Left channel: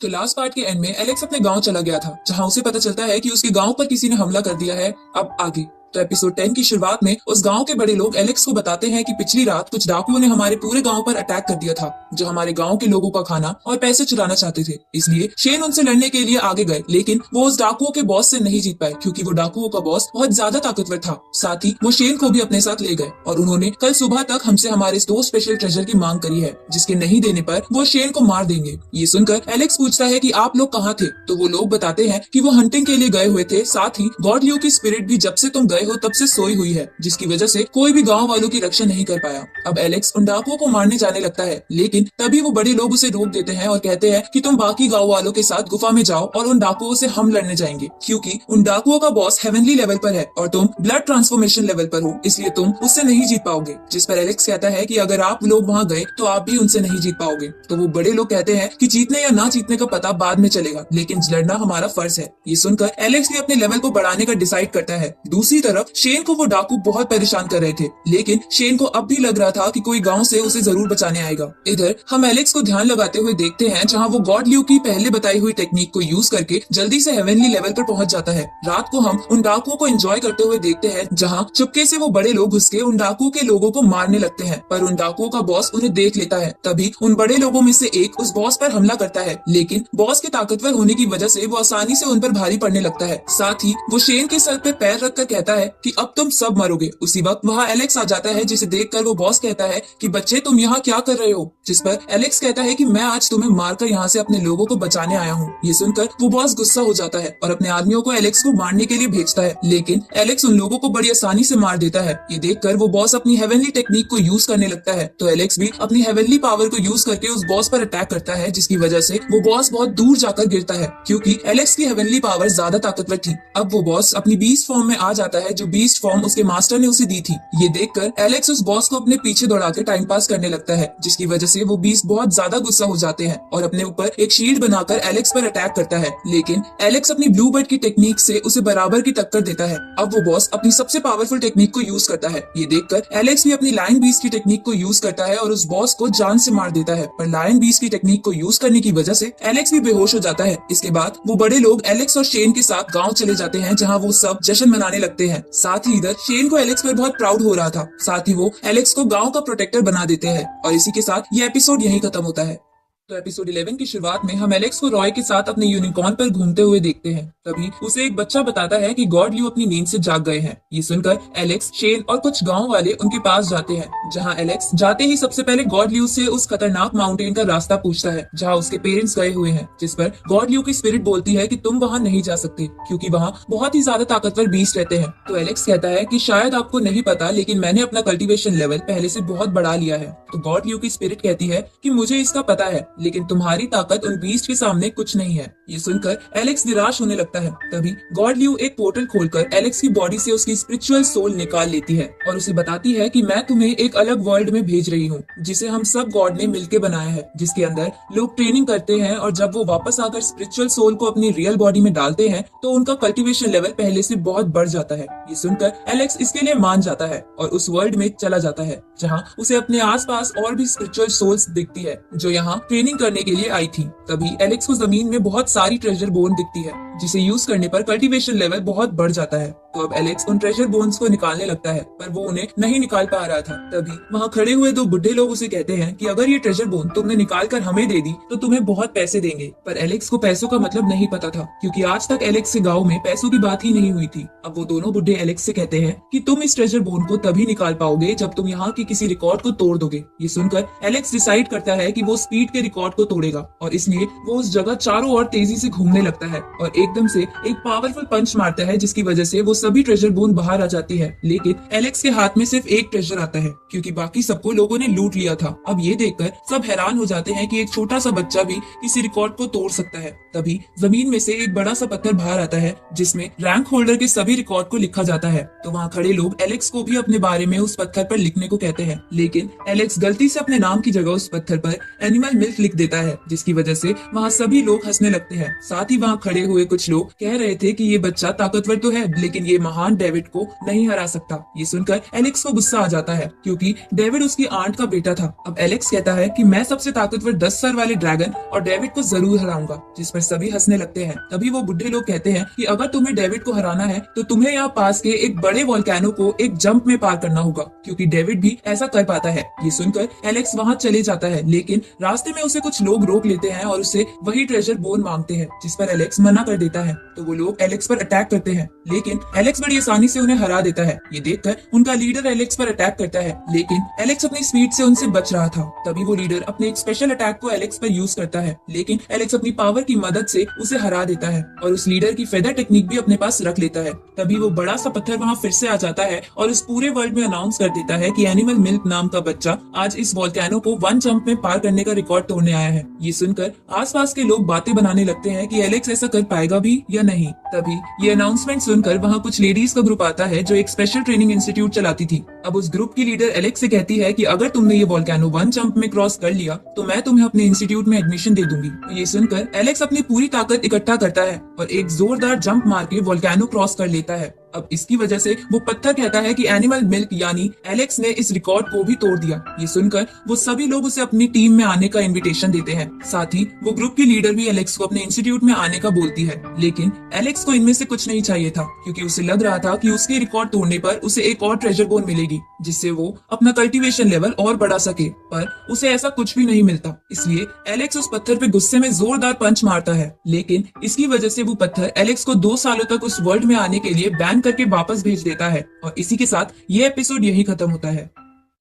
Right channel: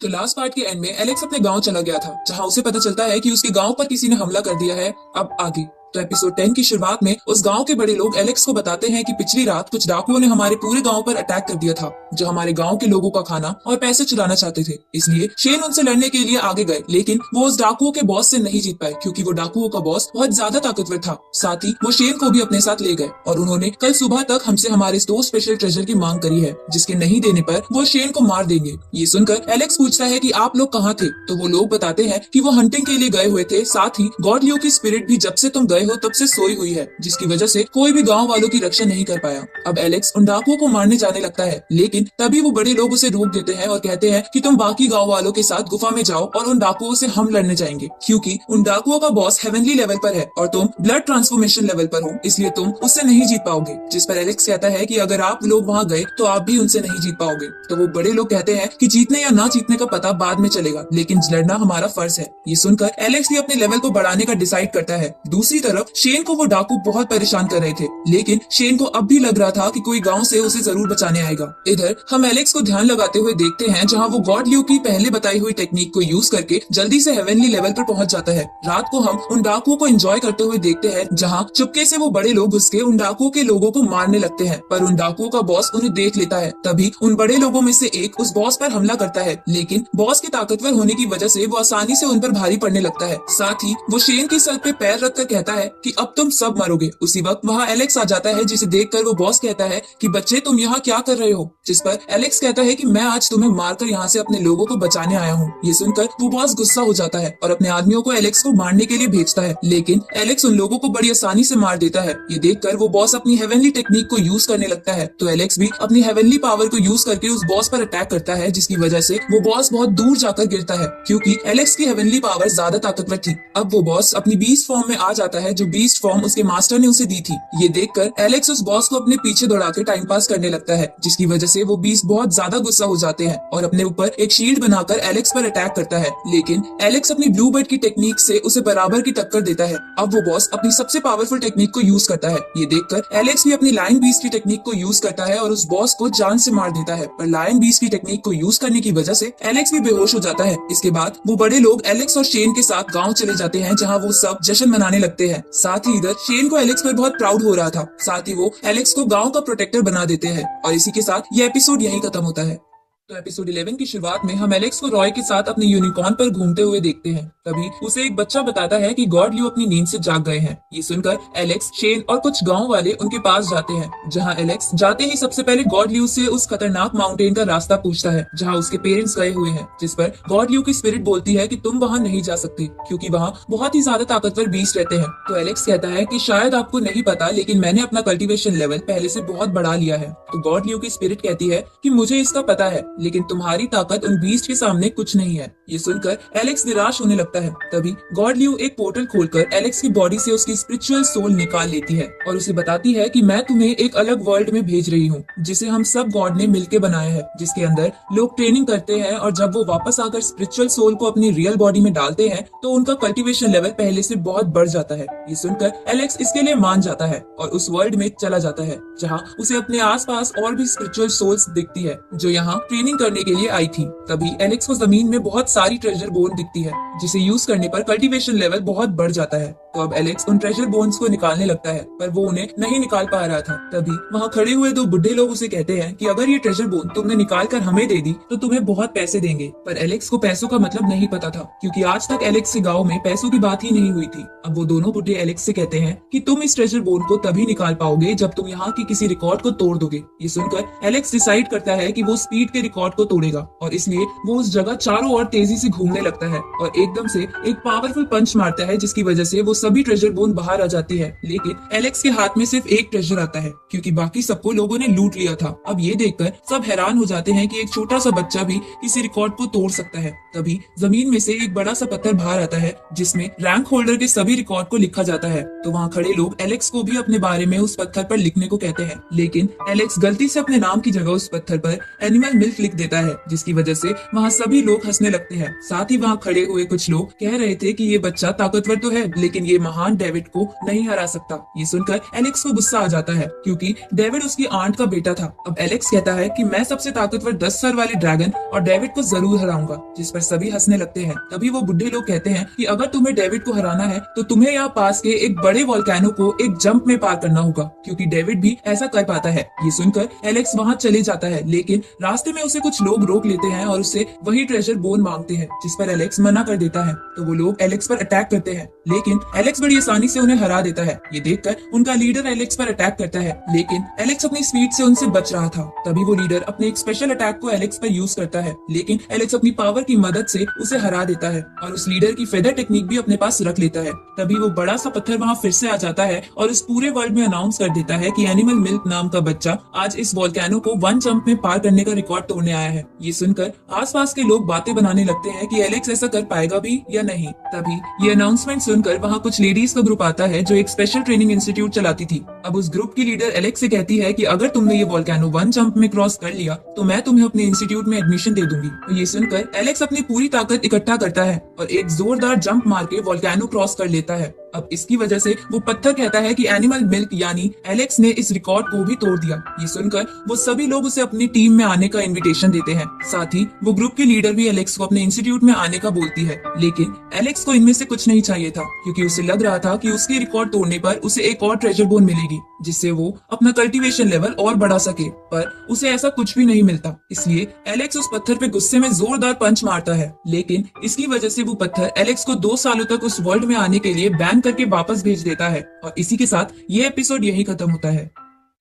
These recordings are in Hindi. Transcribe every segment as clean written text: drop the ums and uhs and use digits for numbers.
तो लास्ट पार्ट के एंड में एलेक्स अपने गांव चला गया था, जहां उसे पता चलता है कि उसके गांव पर किसी ने हमला कर दिया है। अब आगे तो एपिसोड 10 की शुरुआत में उस गांव के बड़े लोग एलेक्स को बताते हैं कि पिछली रात कुछ डाकुओं ने हमारे पूरे गांव पर अटैक कर दिया था, जो हमारे गांव के लोगों का खाना और पैसे चुराना चाहते थे। इसलिए शेन उनसे लड़ने के लिए आगे गए, लेकिन वो उस डाकुओं के बॉस से नहीं जीत पाए, क्योंकि वो डाकुओं का बॉस बहुत ज्यादा ताकतवर था। साथ ही वो शेन को भी अपने साथ ले गए और उन्होंने कल सुबह तक हमसे हमारे दो स्पेशल ट्रेजर की मांग करी है, जिसके नहीं देने पर वो शेन को मार देंगे। ये सुनकर एलेक्स पूछता है कि आप लोग कहाँ थे, तो वो लोग बताते हैं कि वो हंटिंग के लिए गए हुए थे। साथ ही गॉड लियो की स्पिरिट भी जब से तुम गए हो तब से सोई हुई है, जिसकी वजह से कोई भी गांव वालों की रक्षा नहीं कर पाया। अब एलेक्स उन डाकुओं को मारने जाने लगता है, लेकिन तभी वो बड़े लोग उसे रोक देते हैं और कहते हैं कि तुम बाकी गांव वालों के साथ गुफा में जाओ और उन डाकुओं से हम लड़ने जाएंगे, क्योंकि उन डाकुओं का बॉस हेवनली लेवल पर है और तुम ब्लड ट्रांसफॉर्मेशन लेवल पर हो, इसलिए तुम उससे नहीं जीत पाओगे। जिस पर एलेक्स कहता है कि अगर आप लोग वहाँ गए तो आप भी उनसे नहीं जीत पाओगे। तो वो बड़े लोग कहते हैं कि जीतने या ना जीतने का पता बाद में चलेगा, लेकिन लड़ना हमारा फर्ज है। ये सुनकर एलेक्स भी अपने लेवल को बढ़ाने का डिसाइड करता है। दूसरी तरफ शेन को वो डाकू बहुत परेशान कर रहे थे, लेकिन शेन को अब भी लग रहा था कि कोई गांव से उसे जरूर बचाने आएगा। इधर हम एलेक्स को ध्यान लगाते हुए देखते हैं, जहां वो गॉड लियो की पहले बताई हुई टेक्निक को यूज करके जल्दी से हेवनली लेवल पर पहुंच जाता है। रात को हम उन डाकुओं को एंजॉय करते हुए देखते हैं, जहां चुपके से वो बड़े लोग घुस के उन डाकुओं के लोगों को मारने लगते हैं, पर उन डाकुओं का बॉस उन्हें देख लेता है। तभी उन बड़े लोगों में से एक उस बॉस पर हमला करता है, लेकिन बॉस के ताकतवर होने की वजह से वो आसानी से उन पर भारी पड़ने लगता है। साथ ही वो शेन के सर पे पैर रखकर कहता है कि अब तुम सब मरोगे। उसी वक्त वहाँ एलेक्स आ जाता है, जिसे देखकर वो बॉस कहता है कि बच्चे तुम यहाँ क्या कर रहे हो, जिस पर एलेक्स कहता है कि मैं आज तुम्हें मारकर यहाँ से अपने लोगों को बचाने आया हूँ। ये सुनकर वो बॉस गुस्सा हो जाता है और अपने आदमियों को एलेक्स को मारने के लिए भेजता है, लेकिन एलेक्स उन लोगों को बड़ी आसानी से मार देता है। ये देखकर वो बॉस अपनी हेवनली टेक्निक को यूज करने लगता है, तो एलेक्स भी अपनी हेवनली पावर को यूज करके उस बॉस पर अटैक करता है, जिसकी वजह से वो बॉस बहुत दूर जाकर गिरता है, क्योंकि एलेक्स की हेवनली पावर ज्यादा ताकतवर थी। अब वो बॉस अपनी बीस्ट फॉर्म में आ जाता है, जो बीस्ट फॉर्म उसके मास्टर ने उसे दी थी। ये देखकर एलेक्स उस बॉस को अपने पीछे दौड़ाकर टाइम पास करने लगता है, जिसकी वजह से वो बीस्ट बहुत ज्यादा गुस्सा हो जाते हैं और अपने ऊपर एक शील्ड बनाकर एलेक्स पर अटैक करता है, लेकिन एलेक्स अपनी ब्लू बर्ड की टेक्निक से उसे बराबर की टक्कर देता है। अब वो बॉस अपनी सबसे पावरफुल टेक्निक को यूज करता है। ये देखकर एलेक्स भी अपनी लायन बीस्ट की टेक्निक को यूज करता है और उस बॉस को जान से मार देता है, पर लायन बीस्ट की टेक्निक को यूज करने की वजह से एलेक्स भी बेहोश हो जाता है। इसके बाद वो बड़े लोग एलेक्स और शेन के साथ गाँव चले जाते हैं, जहाँ वो सब जश्न मनाने लगते हैं। साथ ही इधर शेन को एलेक्स पर बहुत प्राउड हो रहा था। साथ ही वो एलेक्स को गांव का प्रोटेक्टर बना देते हैं और इसी के साथ ये एपिसोड यही खत्म होता है। तो एपिसोड 11 की शुरुआत में हम एलेक्स को रॉय के साथ अपने यूनिकॉर्न पर घूमते हुए देखते हैं। तभी उसे एक बच्चा बताता है कि गॉड लियो अपनी नींद से जाग गए हैं। ये सुनकर एलेक्स, शेन और कुछ गांव वाले उनके पास जाते हैं, जहां एलेक्स जाते ही सबसे पहले गॉड लियो से उस खतरनाक माउंटेन का रास्ता पूछता है, जहां उसके पेरेंट्स गए हुए हैं। जिस पर गॉड लियो की स्पिरिट बोलती है कि तुम वहां नहीं जा सकते, क्योंकि वहां बहुत ही ज्यादा ताकतवर बीस्ट रहते हैं। तो एलेक्स कहता है कि शायद आपको नहीं पता, लेकिन मैंने अपना कल्टीवेशन लेवल पहले से बहुत बढ़ा लिया है। तो गॉड लियो की स्पिरिट कहती है कि मुझे इसका पता है, लेकिन तुम्हारी ताकत उन बीस्ट के सामने कुछ नहीं है। ये सुनकर एलेक्स निराश होने लगता है। तभी गॉड लियो एक पोर्टल खोलकर एलेक्स की बॉडी से उसकी स्पिरिचुअल सोल निकाल लेती है और उसे बताती है कि मैं तुम्हें एक अलग वर्ल्ड में भेज रही हूँ, जिसे हम सब गॉड ने मिलकर बनाया है, जिसके अंदर लोग ट्रेनिंग करते हैं और जब वो वापस आकर स्पिरिचुअल सोल को अपनी रियल बॉडी में डालते हैं तो उनका कल्टीवेशन लेवल पहले से बहुत बढ़ जाता है। ये सुनकर एलेक्स इसके लिए मान जाता है और उस वर्ल्ड में चला जाता है, जहाँ उसे अपने आसपास और भी स्पिरिचुअल सोल्स दिखती है, जो यहाँ ट्रेनिंग करने के लिए आई थी। तभी एलेक्स को जमीन में बहुत सारी ट्रेजर बोन दिखती है, जिसे यूज करने पर कल्टीवेशन लेवल बहुत बढ़ जाता है। तो अब एलेक्स उन ट्रेजर बोन्स को निकालने लगता है, पर वो उन्हें नहीं निकाल पा रहा था। तभी वहाँ खड़े हुए दो बुढ़े लोग उसे कहते हैं कि अगर ये ट्रेजर बोन तुमने निकाल कर हमें दे दी तो तुम्हें बहुत पैसे देंगे। पर एलेक्स को पैसों का मतलब नहीं पता था, क्योंकि आज तक एलेक्स के गाँव में पैसों की बात ही नहीं हुई थी। अब वो दोनों बुढ़े एलेक्स से कहते हैं कि तुम इस ट्रेजर बोन को तभी निकाल पाओगे जब तुम यहाँ की किसी रिकॉर्ड को तोड़ दोगे। ये सुनकर एलेक्स डिसाइड करता है कि वो स्पीड के रिकॉर्ड को तोड़ेगा और इसलिए वो उस जगह चारों ओर तेजी से घूमने लगता है और एकदम से एक पावरफुल पंच मारता है, जिसकी वजह से वो सभी ट्रेजर बोन बाहर आ जाती है। लेकिन एलेक्स के हाथ में सिर्फ एक ट्रेजर आता है, क्योंकि बाकी सबको लोगों ने लूट लिया था। अब ये देखकर सब हैरान हो जाते हैं कि एक छोटा सा बच्चा भी इस रिकॉर्ड को तोड़ सकता है। तभी जमीन में से एक बड़ा सा पत्थर बाहर आता है जिसमें रैंक होल्डर के सभी रिकॉर्ड को लिखा जाता है। तो वहाँ खड़े लोग एलेक्स को भी अपने बारे में उस पत्थर पर लिखने को कहते हैं, लेकिन एलेक्स गलती से अपने नाम की जगह उस पत्थर पर एनिमल मिल्क लिख देता है, जिसकी वजह से वहाँ सभी लोग हंसने लगते हैं। साथ ही वहाँ खड़े हुए कुछ लोग कह रहे थे कि ये बच्चा ताकतवर तो है लेकिन ये महान डेविड को नहीं हरा सकता। ये सुनकर एलेक्स को गुस्सा आ जाता है क्योंकि डेविड उसकी आंट का बेटा था। अब एलेक्स कहता है कि मैं सबसे ताकतवर 10 सर वाले ड्रैगन और डेविड को जरूर हराऊंगा, जिस पर सभी हंसने लगते हैं। तभी वो बुढ़े लोग कहते हैं कि अगर तुम्हें डेविड को हराना है तो तुम्हें यहाँ पास के एक बड़े वोल्केनो को एक जंप में पार करना होगा, क्योंकि डेविड भी ऐसा कर पाता है। ये सुनकर एलेक्स वहाँ चले जाता है, लेकिन रास्ते में उसे कुछ लोग रोक लेते हैं और उससे वही ट्रेजर बोन मांगते हैं, जिस पर एलेक्स मना कर देता है। तो वो लोग एलेक्स पर अटैक करते हैं, लेकिन एलेक्स बड़ी आसानी से उन्हें हरा देता है। ये देखकर उनका लीडर एलेक्स पर अटैक करता है, लेकिन एलेक्स अपनी स्पीड से उनसे बच रहा था। तभी वो लीडर अपने एक स्पेशल अटैक को एलेक्स पर यूज करता है, लेकिन एलेक्स अपनी पावर की मदद से उसे हरा देता है और उस लीडर की फेदर टेक्निक भी अपने पास रख लेता है। तभी वो बड़ा सा पत्थर वहाँ फिर से आ जाता है और इस पूरे वर्ल्ड में अनाउंस कर देता है कि एनिमल मिल्क नाम का बच्चा आज इस वोल्केनो को वन जंप में पार करने का रिकॉर्ड तोड़ने आया है। ये सुनकर आसपास के लोग बातें बनाने लगते हैं कि एलेक्स ऐसा कर पाएगा भी या नहीं। तभी ये अनाउंसमेंट सुनकर वहाँ कुछ लेडीज का ग्रुप आता है जो एक स्पेशल ट्रेनिंग इंस्टीट्यूट चलाती थी। अब उस ग्रुप की लीडर एलेक्स से कहती है कि अगर तुमने ये वोल्केनो वन जंप में क्रॉस कर लिया तो मैं तुम्हें अपने इंस्टीट्यूट में एडमिशन दे दूंगी। तो ये सुनकर एलेक्स अपनी पूरी ताकत इकट्ठा करता है और एक जोरदार जंप मार के वोल्केनो क्रॉस कर लेता है। अब इसकी वजह से वो पत्थर कहता है कि एनिमल मिल्क यानी एलेक्स ने इस रिकॉर्ड को भी तोड़ दिया। ये सुनकर वो सभी लोग उसे अपनी टीम में आने का इनविटेशन देते हैं। साथ ही वो ग्रुप की लीडर भी एलेक्स को अपने इंस्टीट्यूट में आने का बोलती है, लेकिन एलेक्स को इनमें से कुछ नहीं चाहिए था, क्योंकि उसे लग रहा था कि उसकी रिकॉर्ड तोड़ने पर उसे एक और ट्रेजर बोन मिलेगी जिससे वो अपना कल्टीवेशन लेवल और बढ़ा सके, पर उसे ऐसा कुछ भी नहीं मिलता। इसलिए एलेक्स उस पत्थर पे गुस्से में जोरदार पंच मारता है, लेकिन इसकी वजह से वो पत्थर एलेक्स को 2 सालों तक उस वर्ल्ड में आने के लिए बैन करके वापस भेज देता है। और इसी के साथ ये एपिसोड यहीं खत्म होता है।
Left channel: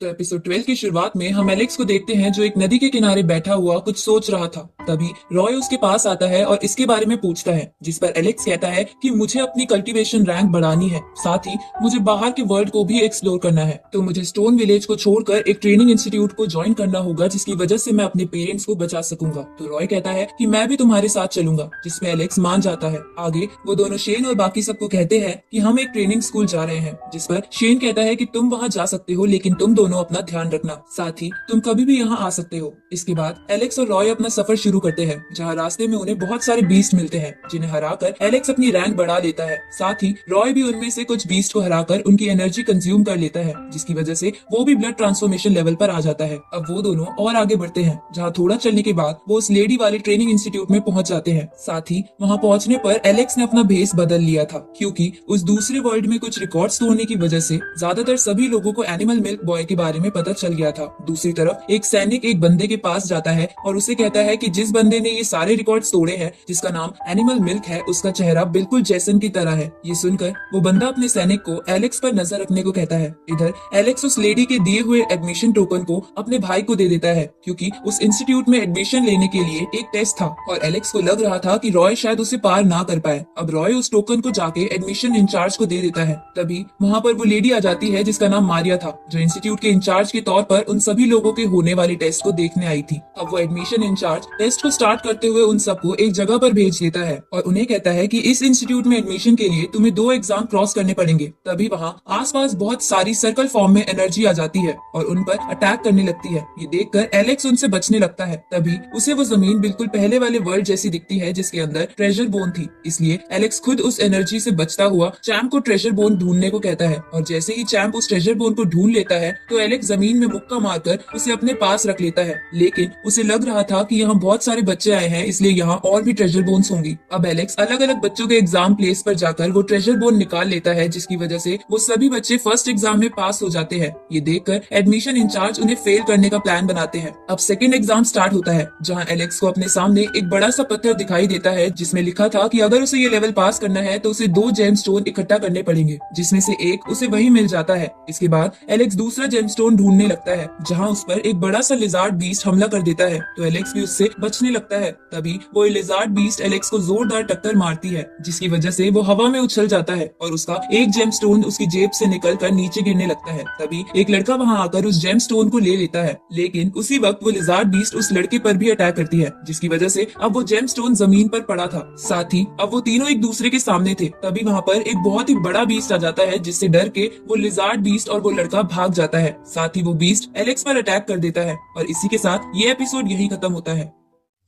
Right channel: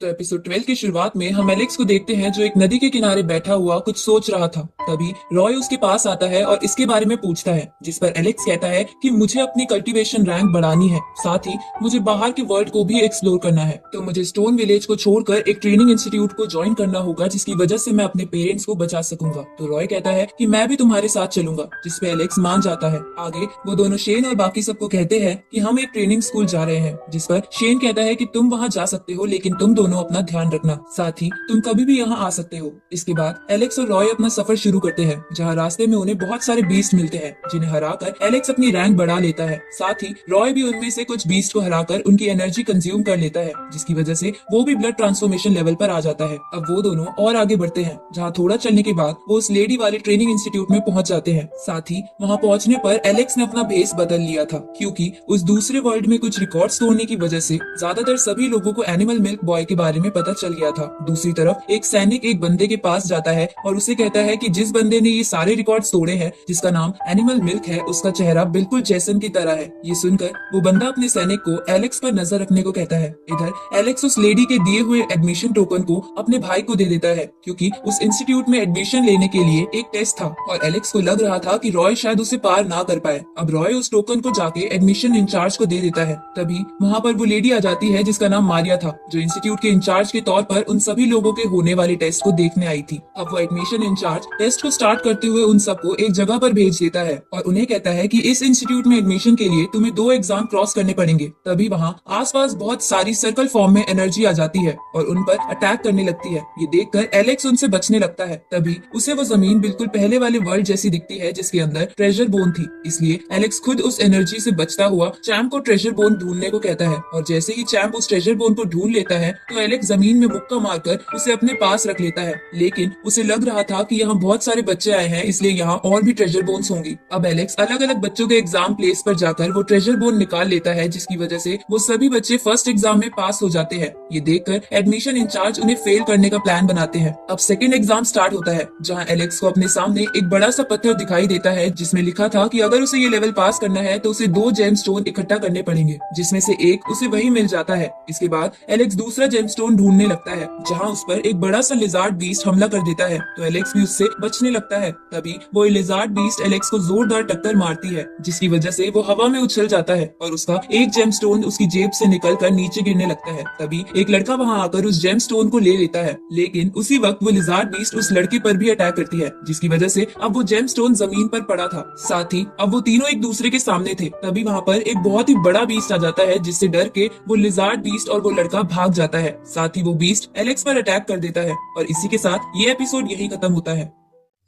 तो एपिसोड 12 की शुरुआत में हम एलेक्स को देखते हैं जो एक नदी के किनारे बैठा हुआ कुछ सोच रहा था। तभी रॉय उसके पास आता है और इसके बारे में पूछता है, जिस पर एलेक्स कहता है कि मुझे अपनी कल्टीवेशन रैंक बढ़ानी है, साथ ही मुझे बाहर के वर्ल्ड को भी एक्सप्लोर करना है, तो मुझे स्टोन विलेज को छोड़कर एक ट्रेनिंग इंस्टीट्यूट को ज्वाइन करना होगा जिसकी वजह से मैं अपने पेरेंट्स को बचा सकूंगा। तो रॉय कहता है कि मैं भी तुम्हारे साथ चलूंगा, जिसपे एलेक्स मान जाता है। आगे वो दोनों शेन और बाकी सबको कहते हैं कि हम एक ट्रेनिंग स्कूल जा रहे हैं, जिस पर शेन कहता है कि तुम वहाँ जा सकते हो, लेकिन तुम दोनों अपना ध्यान रखना, साथ ही तुम कभी भी यहाँ आ सकते हो। इसके बाद एलेक्स और रॉय अपना सफर शुरू करते हैं, जहाँ रास्ते में उन्हें बहुत सारे बीस्ट मिलते हैं, जिन्हें हराकर एलेक्स अपनी रैंक बढ़ा लेता है। साथ ही रॉय भी उनमें से कुछ बीस्ट को हराकर उनकी एनर्जी कंज्यूम कर लेता है, जिसकी वजह से वो भी ब्लड ट्रांसफॉर्मेशन लेवल पर आ जाता है। अब वो दोनों और आगे बढ़ते हैं, जहाँ थोड़ा चलने के बाद वो उस लेडी वाली ट्रेनिंग इंस्टीट्यूट में पहुंच जाते हैं। साथ ही वहाँ पहुंचने पर एलेक्स ने अपना भेस बदल लिया था, क्योंकि उस दूसरे वर्ल्ड में कुछ रिकॉर्ड्स तोड़ने की वजह से ज्यादातर सभी लोगों को एनिमल मिल्क बॉय के बारे में पता चल गया था। दूसरी तरफ एक सैनिक एक बंदे के पास जाता है और उसे कहता है कि जिस बंदे ने ये सारे रिकॉर्ड्स तोड़े हैं, जिसका नाम एनिमल मिल्क है, उसका चेहरा बिल्कुल जैसन की तरह है। ये सुनकर वो बंदा अपने सैनिक को एलेक्स पर नजर रखने को कहता है। इधर एलेक्स उस लेडी के दिए हुए एडमिशन टोकन को अपने भाई को दे देता है, क्योंकि उस इंस्टीट्यूट में एडमिशन लेने के लिए एक टेस्ट था और एलेक्स को लग रहा था कि रॉय शायद उसे पार ना कर पाए। अब रॉय उस टोकन को जाके एडमिशन इंचार्ज को दे देता है। तभी वहाँ पर वो लेडी आ जाती है जिसका नाम मारिया था, जो इंस्टीट्यूट के इंचार्ज के तौर पर उन सभी लोगों के होने वाले टेस्ट को देखने आई थी। अब वो एडमिशन इंचार्ज टेस्ट को स्टार्ट करते हुए उन सबको एक जगह पर भेज देता है और उन्हें कहता है कि इस इंस्टीट्यूट में एडमिशन के लिए तुम्हें 2 एग्जाम क्रॉस करने पड़ेंगे। तभी वहाँ आसपास बहुत सारी सर्कल फॉर्म में एनर्जी आ जाती है और उन पर अटैक करने लगती है। ये देखकर एलेक्स उनसे बचने लगता है। तभी उसे वो जमीन बिल्कुल पहले वाले वर्ल्ड जैसी दिखती है, जिसके अंदर ट्रेजर बोन थी। इसलिए एलेक्स खुद उस एनर्जी से बचता हुआ चैम्प को ट्रेजर बोन ढूंढने को कहता है और जैसे ही चैम्प उस ट्रेजर बोन को ढूंढ लेता है तो एलेक्स जमीन में मुक्का मारकर उसे अपने पास रख लेता है। लेकिन उसे लग रहा था कि यहाँ बहुत सारे बच्चे आए हैं, इसलिए यहाँ और भी ट्रेजर बोन्स होंगी। अब एलेक्स अलग अलग बच्चों के एग्जाम प्लेस पर जाकर वो ट्रेजर बोन निकाल लेता है, जिसकी वजह से वो सभी बच्चे फर्स्ट एग्जाम में पास हो जाते हैं। ये देखकर एडमिशन इंचार्ज उन्हें फेल करने का प्लान बनाते हैं। अब सेकंड एग्जाम स्टार्ट होता है, जहाँ एलेक्स को अपने सामने एक बड़ा सा पत्थर दिखाई देता है, जिसमें लिखा था कि अगर उसे ये लेवल पास करना है तो उसे 2 जेम स्टोन इकट्ठा करने पड़ेंगे, जिसमें से एक उसे वही मिल जाता है। इसके बाद एलेक्स दूसरा जेम जेमस्टोन ढूंढने लगता है जहाँ उस पर एक बड़ा सा लिजार्ड बीस्ट हमला कर देता है, तो एलेक्स भी उससे बचने लगता है। तभी वो लिजार्ड बीस्ट एलेक्स को जोरदार टक्कर मारती है, जिसकी वजह से वो हवा में उछल जाता है और उसका एक जेमस्टोन उसकी जेब से निकलकर नीचे गिरने लगता है। तभी एक लड़का वहाँ आकर उस जेमस्टोन को ले लेता है, लेकिन उसी वक्त वो लिजार्ड बीस्ट उस लड़के पर भी अटैक करती है, जिसकी वजह से अब वो जेमस्टोन जमीन पर पड़ा था। साथ ही अब वो तीनों एक दूसरे के सामने थे। तभी वहाँ पर एक बहुत ही बड़ा बीस्ट आ जाता है, जिससे डर के वो लिजार्ड बीस्ट और वो लड़का भाग जाता है। साथ ही वो बीस्ट एलेक्स पर अटैक कर देता है और इसी के साथ ये एपिसोड यहीं खत्म होता है।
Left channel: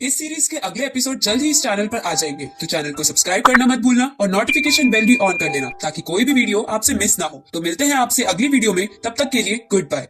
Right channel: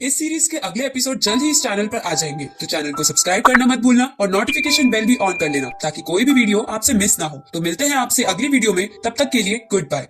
इस सीरीज के अगले एपिसोड जल्द ही इस चैनल पर आ जाएंगे, तो चैनल को सब्सक्राइब करना मत भूलना और नोटिफिकेशन बेल भी ऑन कर लेना ताकि कोई भी वीडियो आपसे मिस ना हो। तो मिलते हैं आपसे अगली वीडियो में, तब तक के लिए गुड बाय।